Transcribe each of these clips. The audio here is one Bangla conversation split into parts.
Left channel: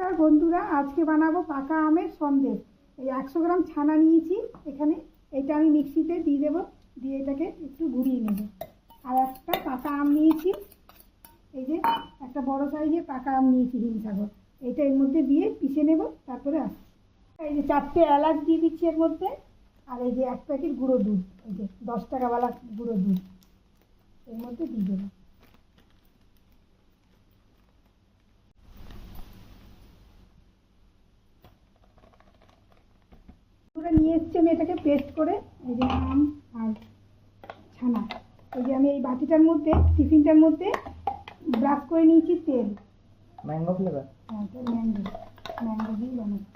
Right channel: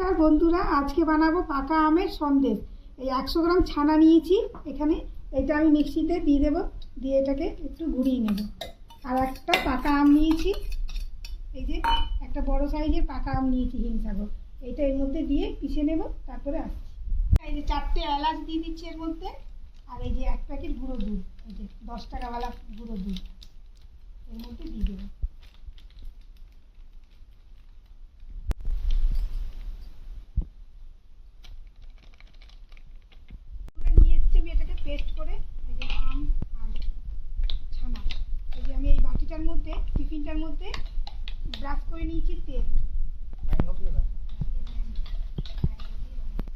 নমস্কার বন্ধুরা, আজকে বানাবো পাকা আমের সন্দেশ। এই 100 গ্রাম ছানা নিয়েছি এখানে, এটা আমি মিক্সিতে দিয়ে দেবো, দিয়ে এটাকে একটু ঘুরিয়ে নেব। আর একটা পাকা আম নিয়েছি, এই যে একটা বড় সাইজের পাকা আম নিয়েছি হিমসাগর, এটা এর মধ্যে দিয়ে পিষে নেব। তারপরে আসছি, এই যে 4টে এলাচ দিয়ে দিচ্ছি এর মধ্যে, আর এই যে 1 প্যাকেট গুঁড়ো দুধ, এই যে 10 টাকাওয়ালা গুঁড়ো দুধ এর মধ্যে দিয়ে দেবো। নিয়ে এসছি আমি এটাকে পেস্ট করে, এই যে আম আর ছানা, এই যে আমি এই বাটিটার মধ্যে টিফিনটার মধ্যে ব্রাশ করে নিয়েছি তেল, ম্যাঙ্গো ফ্লেভার। হ্যাঁ ম্যাঙ্গো দিয়ে বানাবো।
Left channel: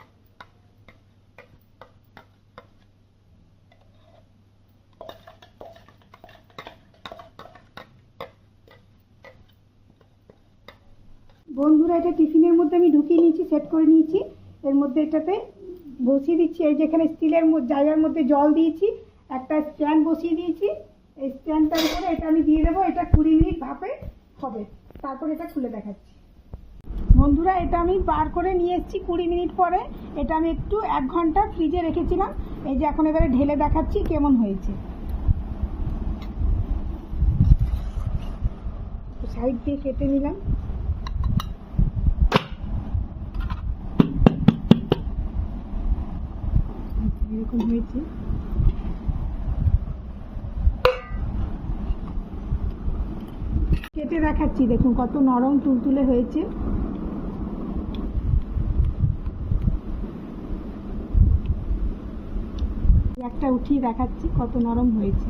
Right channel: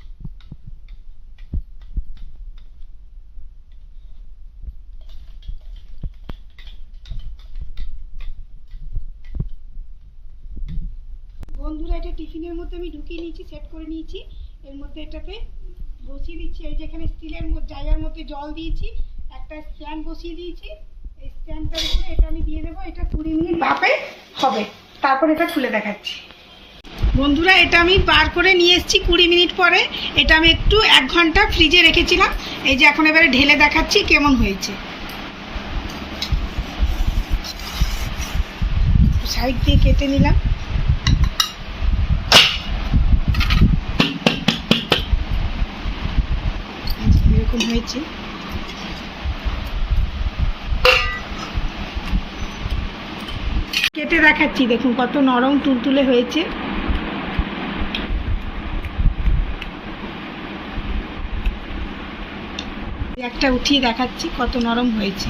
বন্ধুরা, এটা টিফিনের মধ্যে আমি ঢুকিয়ে নিয়েছি, সেট করে নিয়েছি। এর মধ্যে এটাতে বসিয়ে দিচ্ছি, এই যেখানে স্টিলের জায়গার মধ্যে জল দিয়েছি, একটা স্ট্যান্ড বসিয়ে দিয়েছি। এই স্ট্যান্ডটার উপরে এটা আমি দিয়ে দেবো। এটা 20 মিনিট ভাপে হবে, তারপর এটা খুলে দেখাচ্ছি। বন্ধুরা, এটা আমি বার করে নিয়ে এসেছি 20 মিনিট পরে। এটা আমি একটু 1 ঘন্টা ফ্রিজে রেখেছিলাম। এই যে এখন এবারে ঢেলে দেখাচ্ছি কেমন হয়েছে। সাইড দিয়ে কেটে নিলাম। এরকম হয়েছে। কেটে দেখাচ্ছি, দেখুন কত নরম তুলতুলে হয়েছে। একটা উঠিয়ে দেখাচ্ছি কত নরম হয়েছে,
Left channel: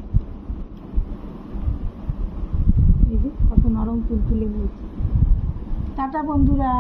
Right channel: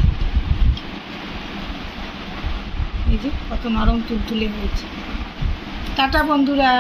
এই যে কত নরম তুলতুলে হয়েছে। টাটা বন্ধুরা।